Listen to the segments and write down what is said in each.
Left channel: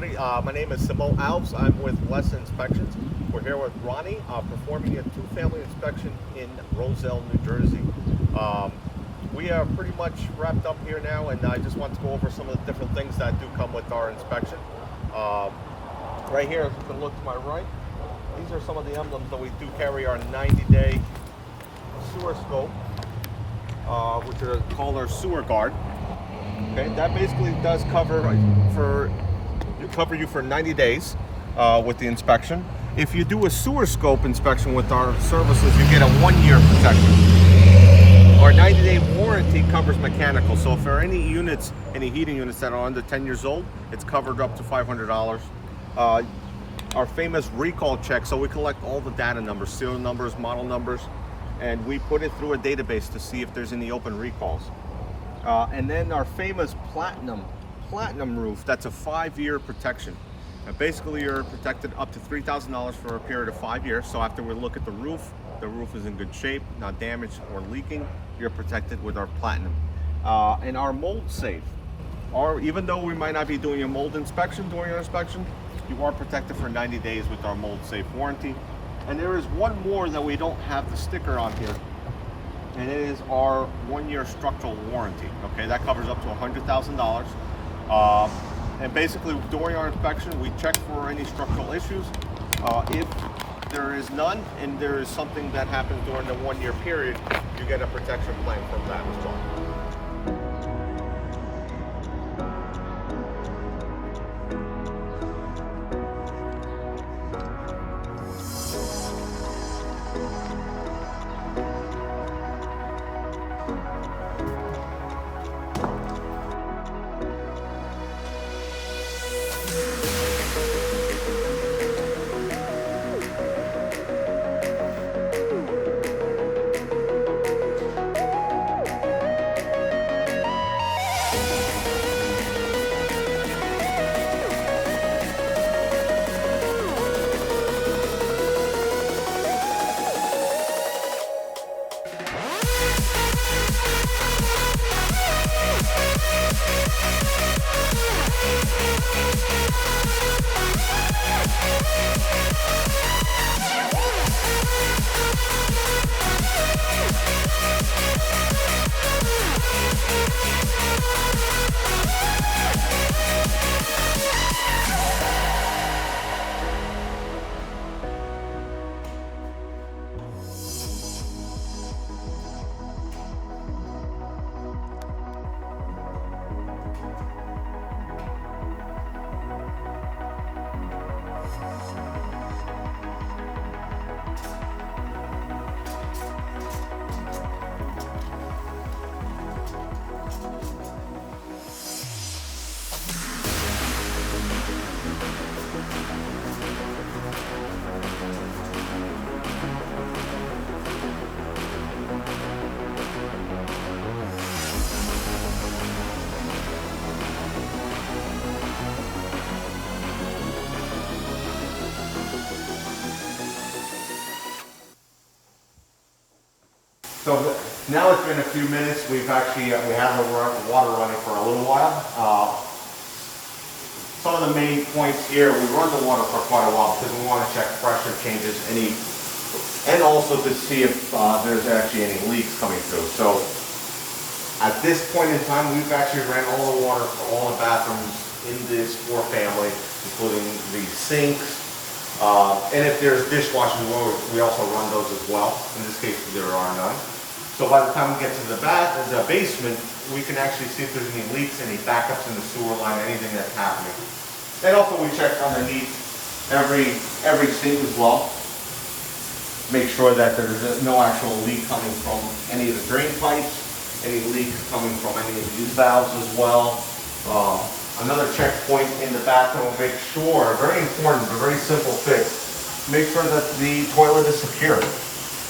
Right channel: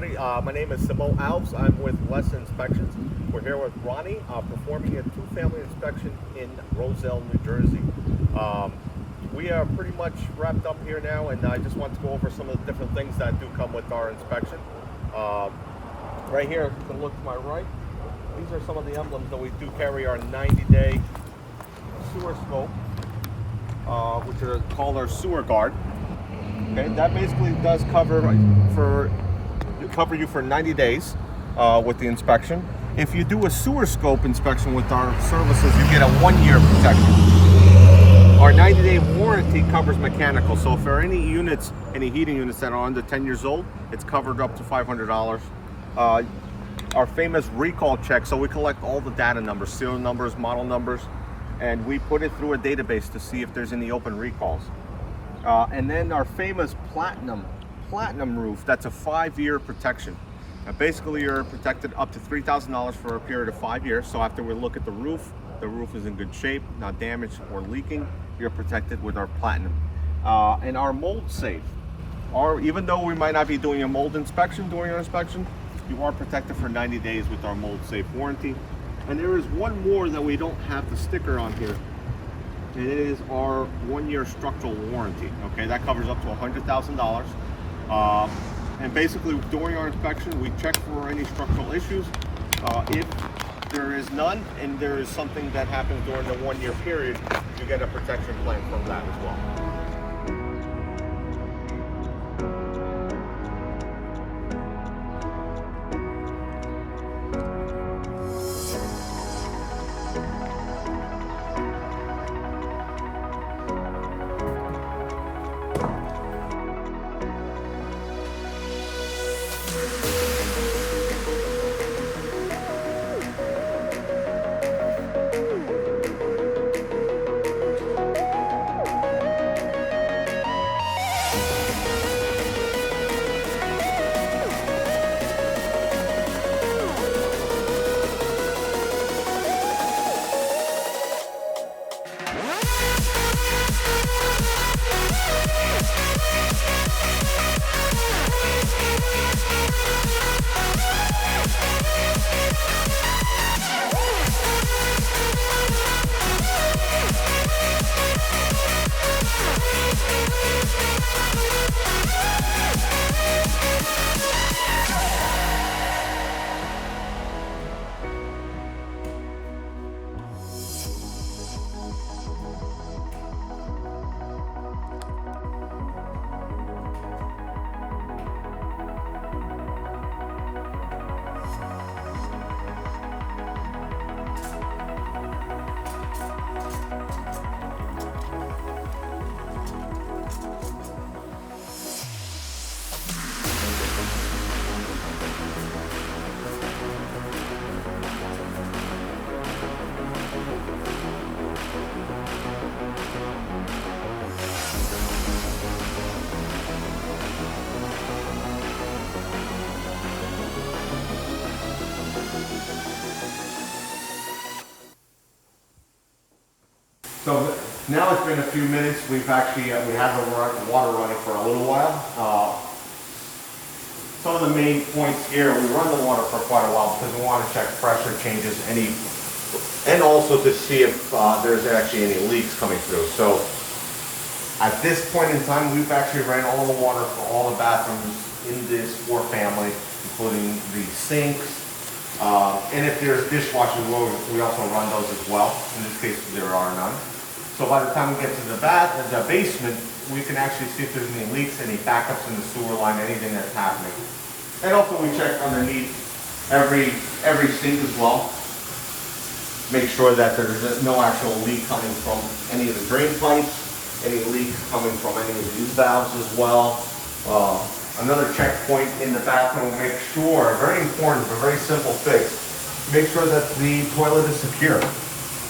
Ronnie. My name is Simao. I'm with Lesa Inspections. We're here with Ronnie, performing a two-family inspection in Roselle, New Jersey. We are pretty much wrapped up here now, and I just want to go over some of the different things that do come with our inspection. Right here, if you can look to my right, these are some of the emblems that we do carry: our 90-day sewer scope, which are called our sewer guard. Okay, that basically does cover you for 90 days with the inspection. If you do a sewer scope inspection with our services, you get a 1-year protection. Our 90-day warranty covers mechanical, so if there are any units, any heating units that are under 10 years old, it's covered up to $500. Our famous recall check, so we collect all the data numbers, serial numbers, model numbers, and we put it through a database to see if there's any open recalls. And then our famous platinum roof, that's a 5-year protection. Now basically you're protected up to $3,000 for a period of 5 years. So after we look at the roof is in good shape, not damaged or leaking, you're protected with our platinum. And our mold safe, even though we might not be doing a mold inspection during our inspection, you are protected for 90 days with our mold safe warranty. And there is one more that we don't have the sticker on here, and it is our 1-year structural warranty. Okay, that covers up to $100,000. And basically during our inspection, we check for any structural issues. If there is none, and there is something that happens during the 1-year period, you get a protection plan from that as well. So now it's been a few minutes. We had the water running for a little while. Some of the main points here, we run the water for quite a while because we want to check pressure changes, and also to see if there's actually any leaks coming through. So at this point in time, we've actually ran all the water for all the bathrooms in this 4-family, including the sinks. And if there's dishwashing, we also run those as well. In this case, there are none. So by the time we get to the basement, we can actually see if there's any leaks, any backups in the sewer line, anything that's happening. And also we check underneath every sink as well. Make sure that there's no actual leak coming from any of the drain pipes, any leaks coming from any of these valves as well. Another checkpoint in the bathroom, make sure, very important, it's a very simple fix, make sure that the toilet is secure.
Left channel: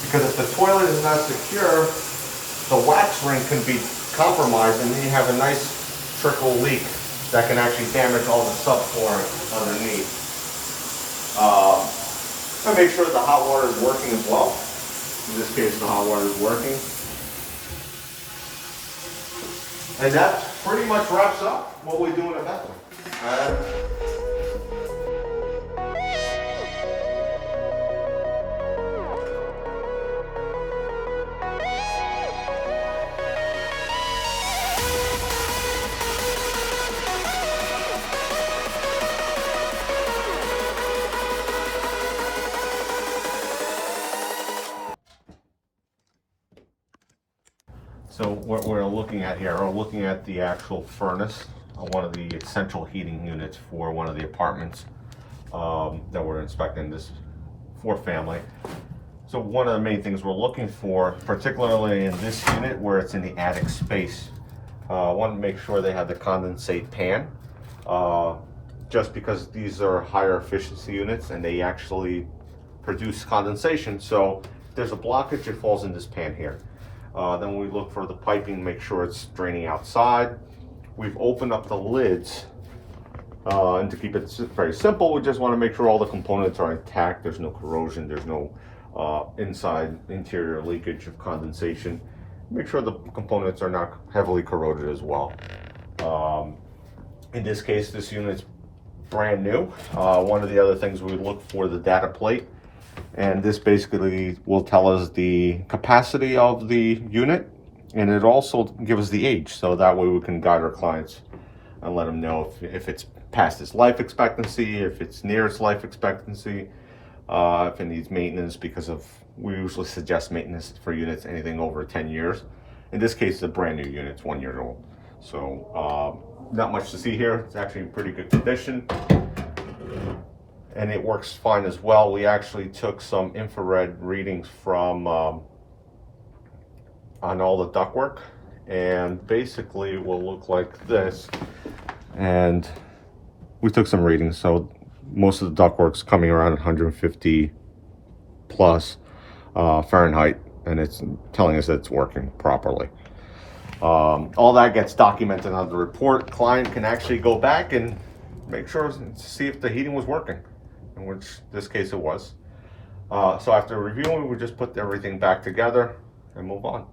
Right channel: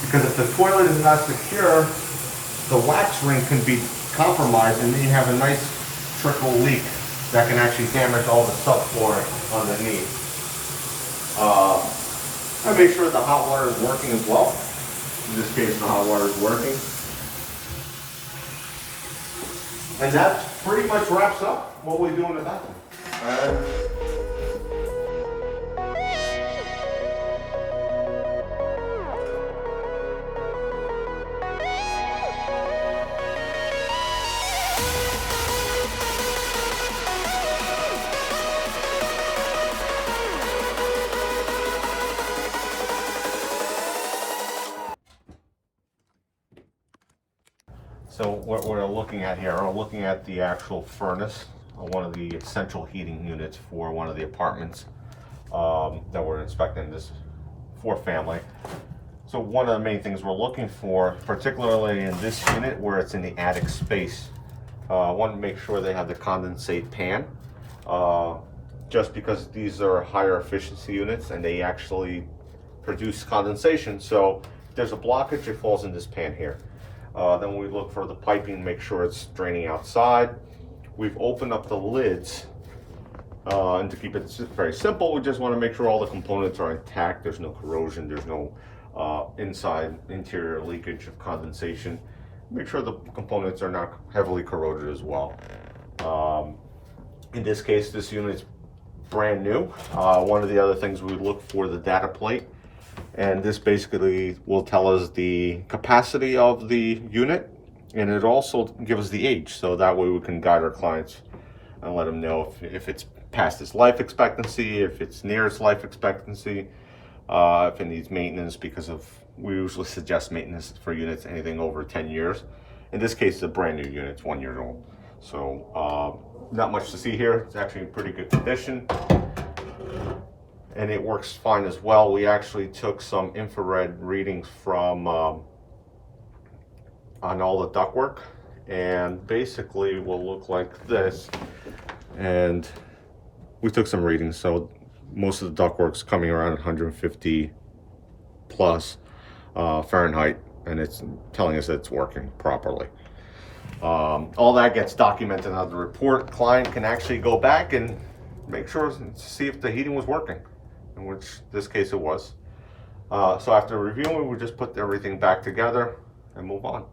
Because if the toilet is not secure, the wax ring can be compromised, and then you have a nice trickle leak that can actually damage all the subfloor underneath. And make sure the hot water is working as well. In this case, the hot water is working. And that pretty much wraps up what we do in the bathroom. So what we're looking at here, we're looking at the actual furnace on one of the central heating units for one of the apartments that we're inspecting this for family. So one of the main things we're looking for, particularly in this unit where it's in the attic space, I want to make sure they have the condensate pan, just because these are higher efficiency units and they actually produce condensation. So if there's a blockage, it falls in this pan here. Then we look for the piping, make sure it's draining outside. We've opened up the lids, and to keep it very simple, we just want to make sure all the components are intact. There's no corrosion, there's no interior leakage of condensation. Make sure the components are not heavily corroded as well. In this case, this unit's brand new. One of the other things we look for the data plate, and this basically will tell us the capacity of the unit, and it also gives the age, so that way we can guide our clients and let them know if it's past its life expectancy, if it's near its life expectancy, if it needs maintenance, because we usually suggest maintenance for units anything over 10 years. In this case, it's a brand new unit, it's 1 year old. So not much to see here. It's actually in pretty good condition. And it works fine as well. We actually took some infrared readings from on all the ductwork, and basically it will look like this. And we took some readings, so most of the ductwork's coming around 150 plus Fahrenheit, and it's telling us that it's working properly. All that gets documented on the report. Client can actually go back and make sure to see if the heating was working, in which this case it was. So after reviewing, we just put everything back together and move on.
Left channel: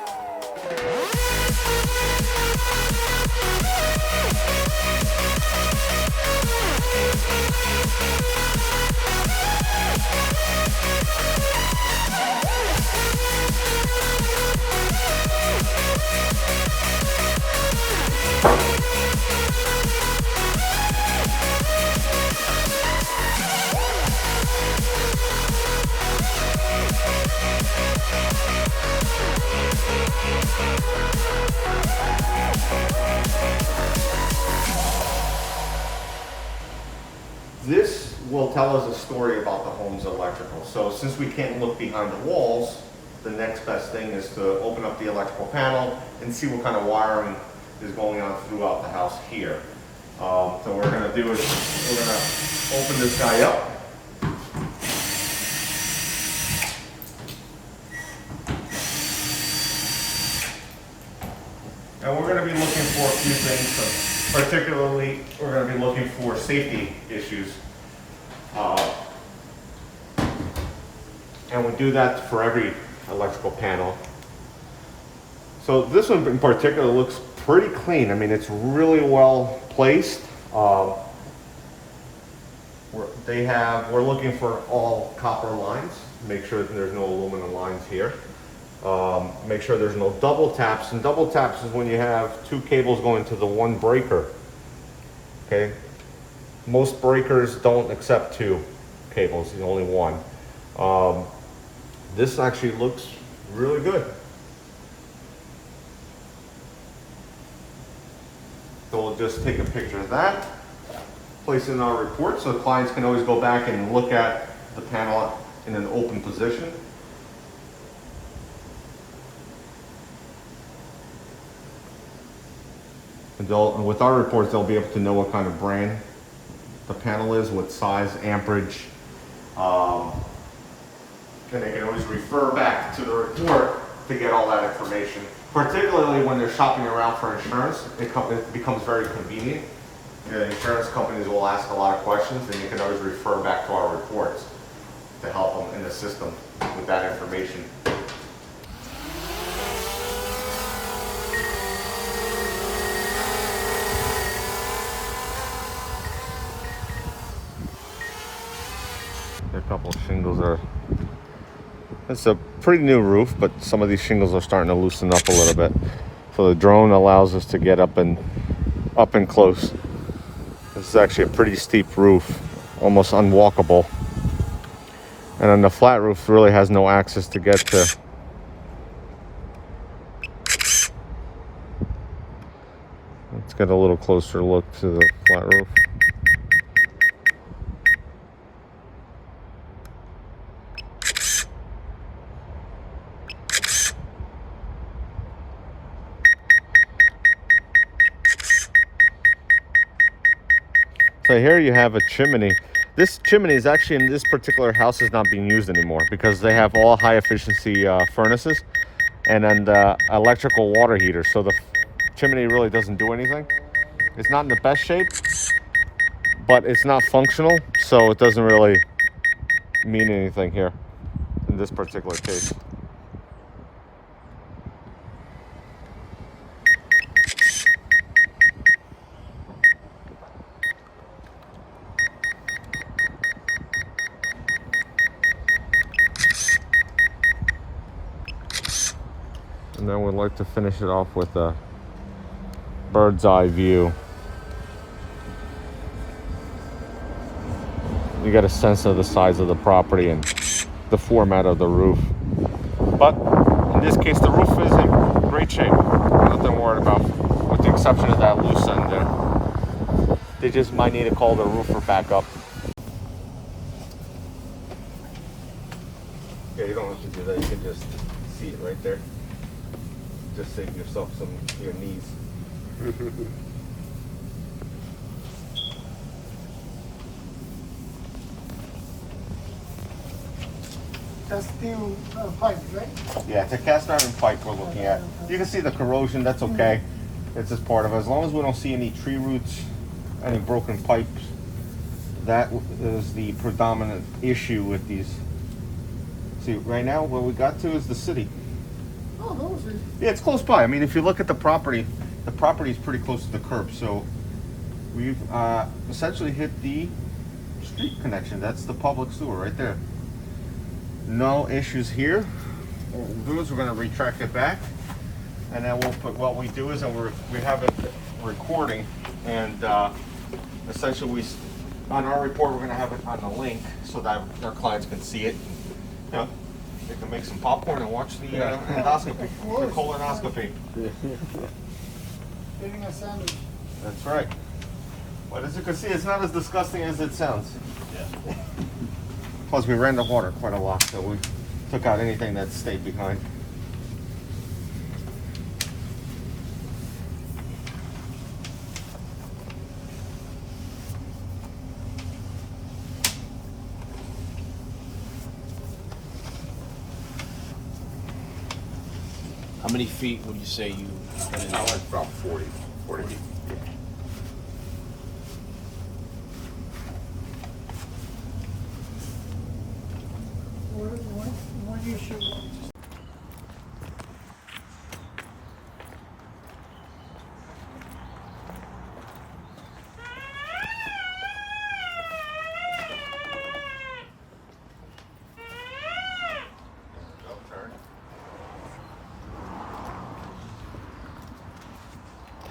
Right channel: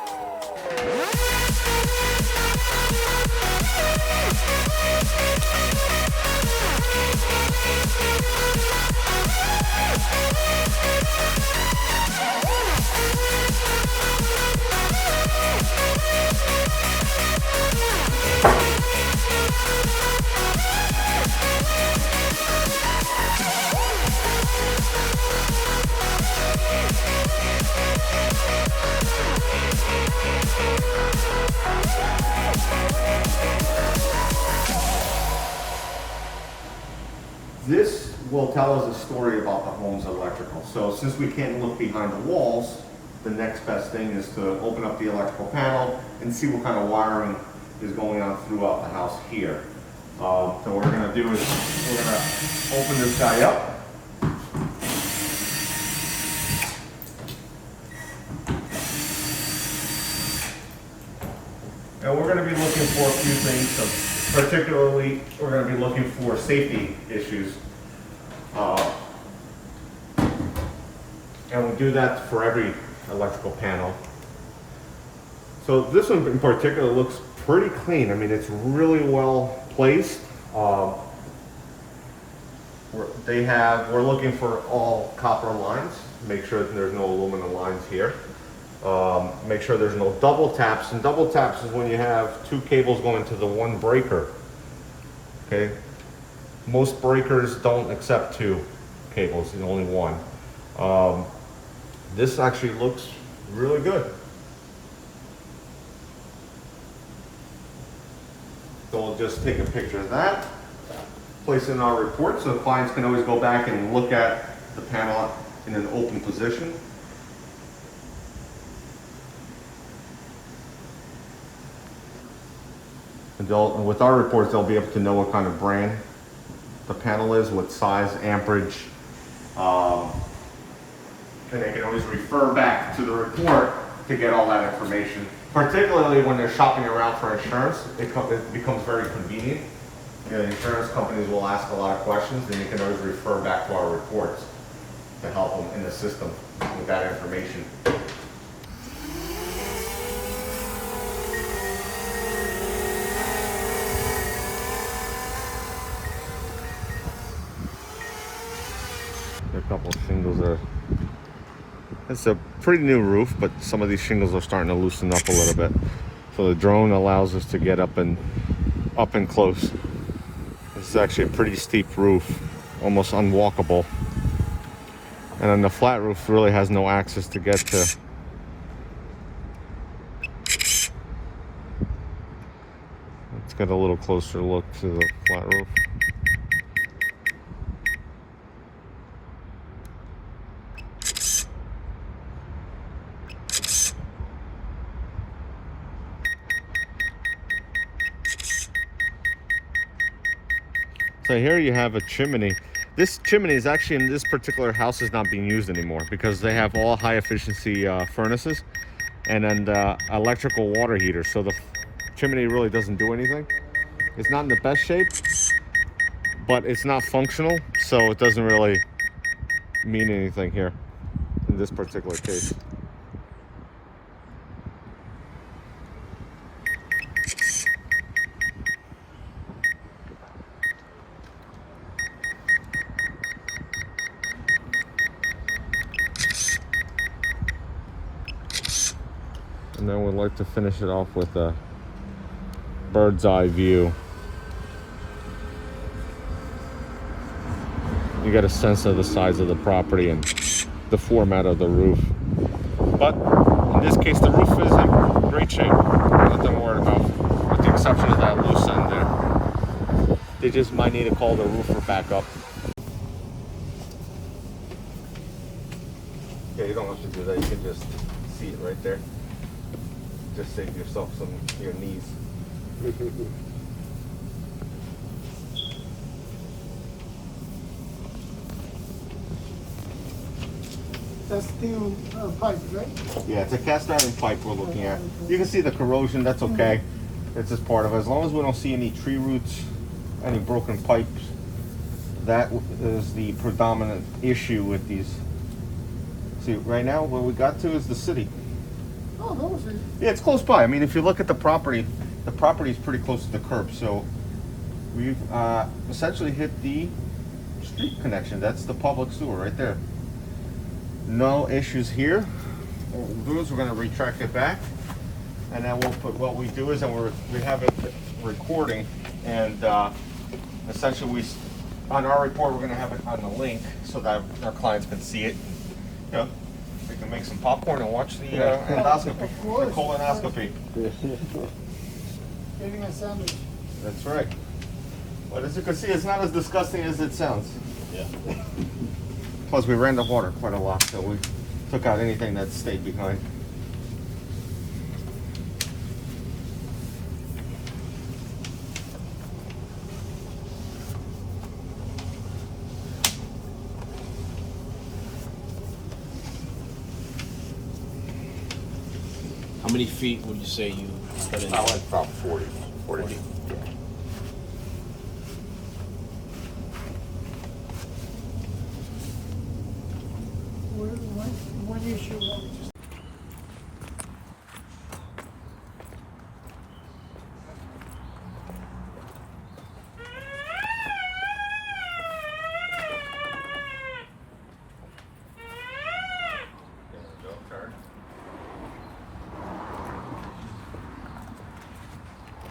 This will tell us a story about the home's electrical. So since we can't look behind the walls, the next best thing is to open up the electrical panel and see what kind of wiring is going on throughout the house here. So what we're gonna do is we're gonna open this guy up. And we're gonna be looking for a few things. So particularly, we're going to be looking for safety issues. And we do that for every electrical panel. So this one in particular looks pretty clean. I mean, it's really well placed. We're looking for all copper lines. Make sure that there's no aluminum lines here. Make sure there's no double taps, and double taps is when you have two cables going to the one breaker. Okay, most breakers don't accept two cables, there's only one. This actually looks really good. So we'll just take a picture of that, place it in our report, so the clients can always go back and look at the panel in an open position. And with our reports, they'll be able to know what kind of brand the panel is, what size, amperage, and they can always refer back to the report to get all that information. Particularly when they're shopping around for insurance, it becomes very convenient. You know, insurance companies will ask a lot of questions, and you can always refer back to our reports to help them in the system with that information. A couple of shingles are, it's a pretty new roof, but some of these shingles are starting to loosen up a little bit. So the drone allows us to get up and close. This is actually a pretty steep roof, almost unwalkable. And then the flat roof really has no access to get to get a little closer look to the flat roof. So here you have a chimney. This chimney is actually in this particular house is not being used anymore because they have all high efficiency furnaces and then the electrical water heater. So the chimney really doesn't do anything. It's not in the best shape, but it's not functional, so it doesn't really mean anything here in this particular case. And then we'd like to finish it off with a bird's eye view. You get a sense of the size of the property and the format of the roof. But in this case, the roof is in great shape. Nothing worried about, with the exception of that loose end there. They just might need to call the roofer back up. Yeah, you don't have to do that. You can just see it right there. Just save yourself some of your knees. That's steel pipe, right? Yeah, it's a cast iron pipe we're looking at. You can see the corrosion, that's okay. It's just part of it. As long as we don't see any tree roots, any broken pipes, that is the predominant issue with these. See, right now what we got to is the city. Oh, those are... Yeah, it's close by. I mean, if you look at the property is pretty close to the curb. So we've essentially hit the street connection. That's the public sewer right there. No issues here. What we'll do is we're going to retract it back, and then we'll put, what we do is, and we have it recording, and essentially on our report we're going to have it on the link so that our clients can see it. You know, they can make some popcorn and watch the endoscopy, the colonoscopy. Getting a sandwich. That's right. But as you can see, it's not as disgusting as it sounds. Yeah. Plus, we ran the water quite a lot, so we took out anything that stayed behind. How many feet would you say you put in? I like about 40 feet. Yeah. One issue.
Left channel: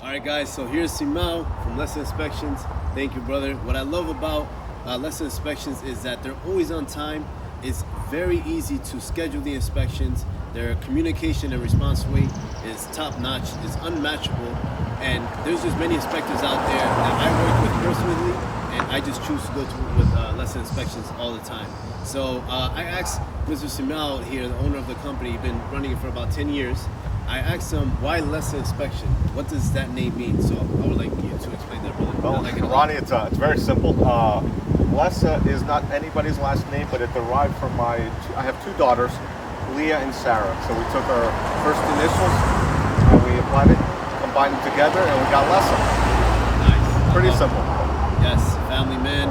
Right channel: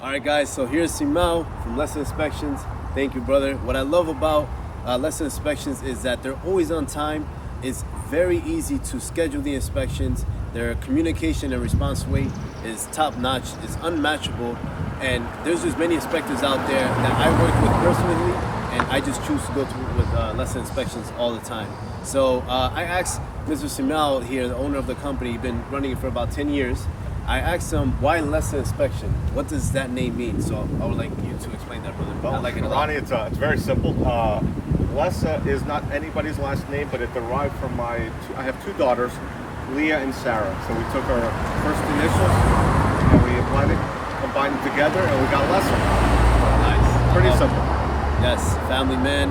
Alright guys, so here's Simao from Lesa Inspections. Thank you, brother. What I love about Lesa Inspections is that they're always on time. It's very easy to schedule the inspections. Their communication and response rate is top notch. It's unmatchable. And there's just many inspectors out there that I work with personally, and I just choose to go with Lesa Inspections all the time. So I asked Mr. Simao here, the owner of the company, he's been running it for about 10 years. I asked him, why Lesa Inspection? What does that name mean? So I would like you to explain that, brother. Well, Ronnie, it's very simple. Lesa is not anybody's last name, but it derived from I have two daughters, Leah and Sarah. So we took our first initials and we applied it, combined them together, and we got Lesa. Nice. Pretty simple. Yes, family man.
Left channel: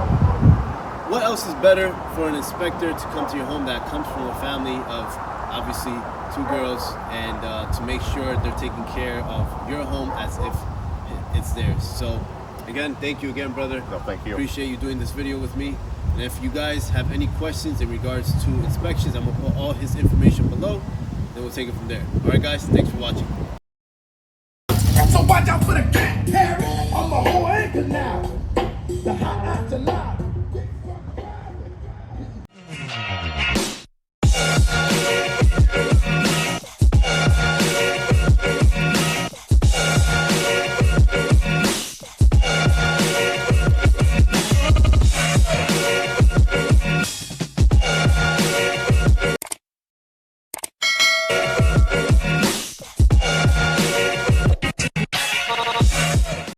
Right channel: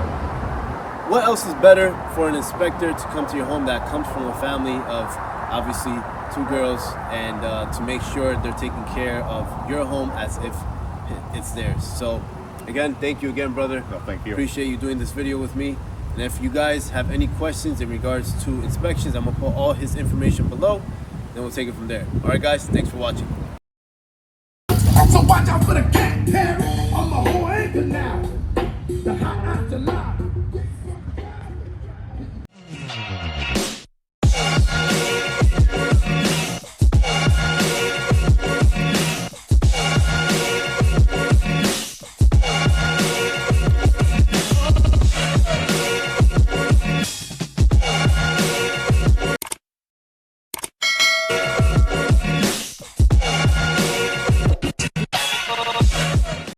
What else is better for an inspector to come to your home that comes from a family of obviously two girls, and to make sure they're taking care of your home as if it's theirs. So again, thank you again, brother. No, thank you. Appreciate you doing this video with me. And if you guys have any questions in regards to inspections, I'm gonna put all his information below, and we'll take it from there. All right, guys, thanks for watching. So watch out for the cat parrot on the whole anchor now.